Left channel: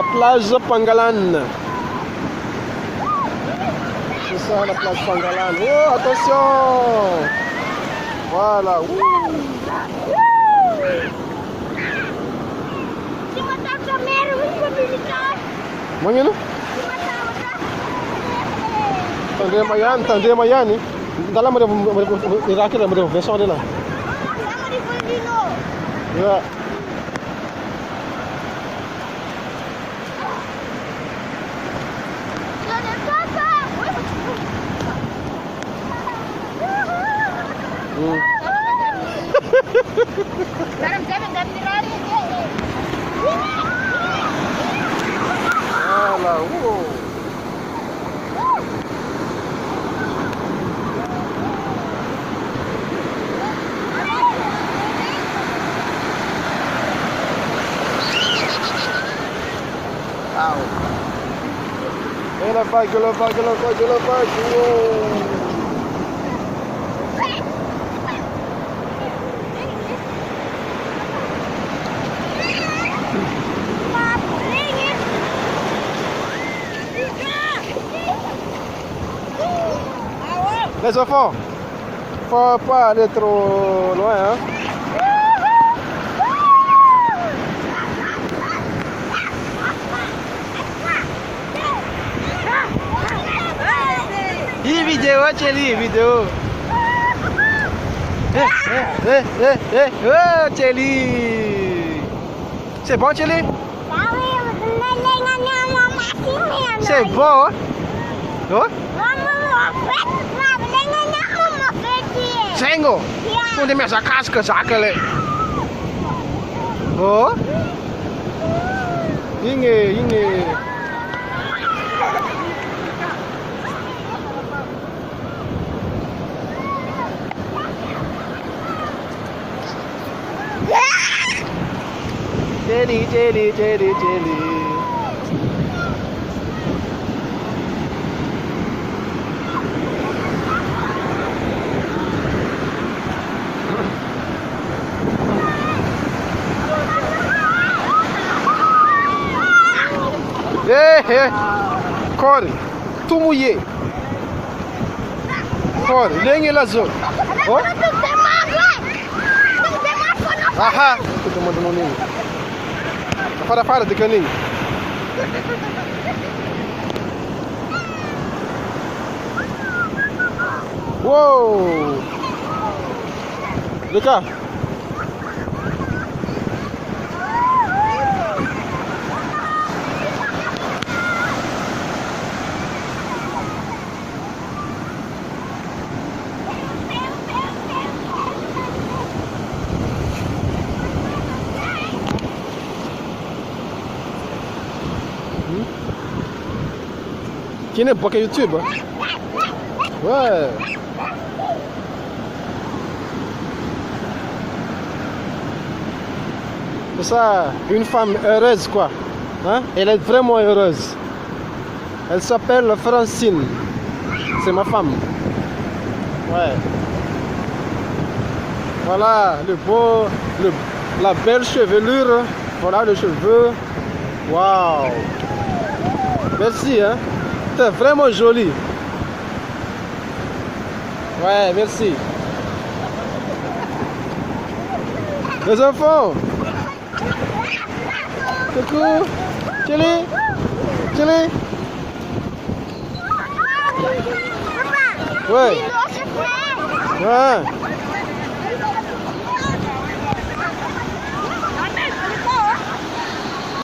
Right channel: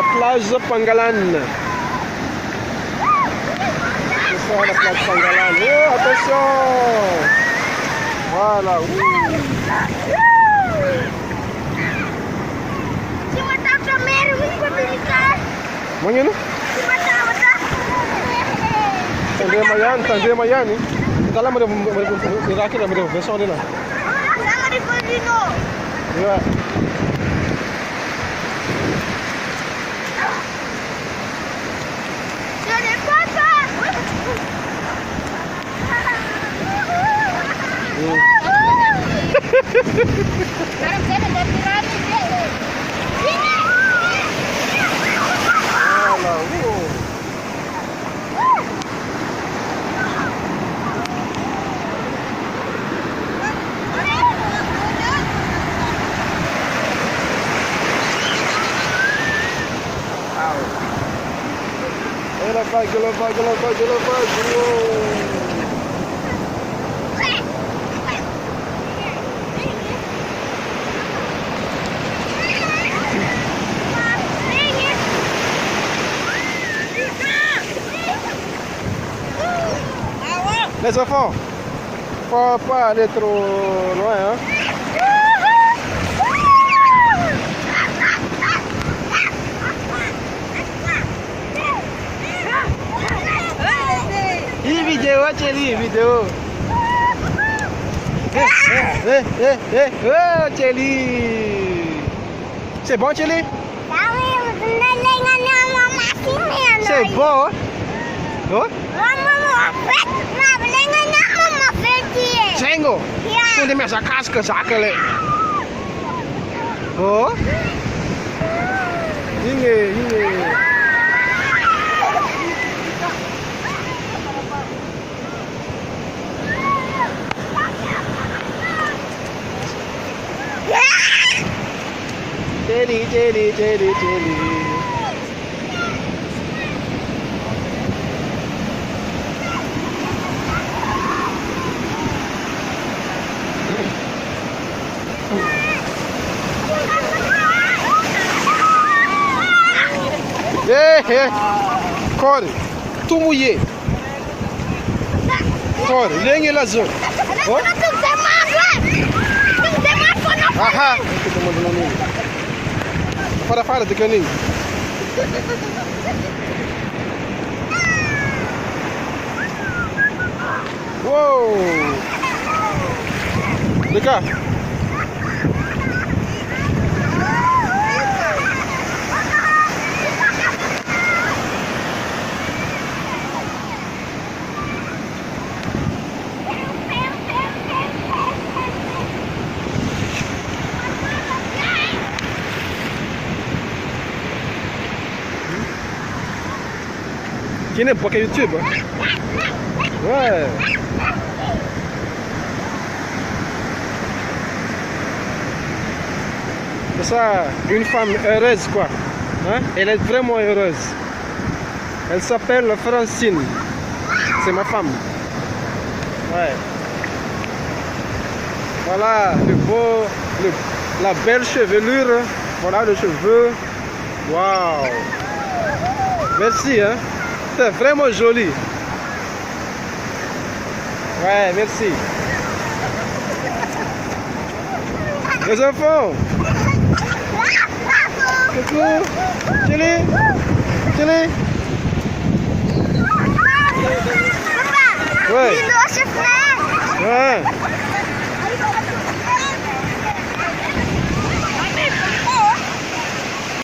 La plage Pangalane. C'est ça la plage Pangalane. Oh, attention! Voilà. Mangino? Tandem Mayani. Dalam ada rakit ada vessel dia lah. Ya. Alah, Et la vague. Wow. Les enfants, faut pas aller trop loin, hein. Ini video aja nih, video. Oh, Celi. C'est bon, Celi? C'est bon, hein? Sengo? Toen de mensen kasken zakelen. Oh? Inge. Jelly. Corre, tout mouillé. Corre, lengue la zone. Oh? Aha, eu tô mandando um ninho. Fora de caninho. Uou! De cá. Qui n'est pas que YouTube, hein? Ouais. C'est ça, une femme heureuse, quoi. Hein? Elle est vraiment heureuse. Elle s'appelle Francine. C'est ma femme. Ouais. Voilà, la belle chevelure. Voilà le cheveu. Waouh. Merci, hein. C'est vraiment joli. Ouais, merci. Les enfants. Coucou. Chérie. Ouais. Ouais.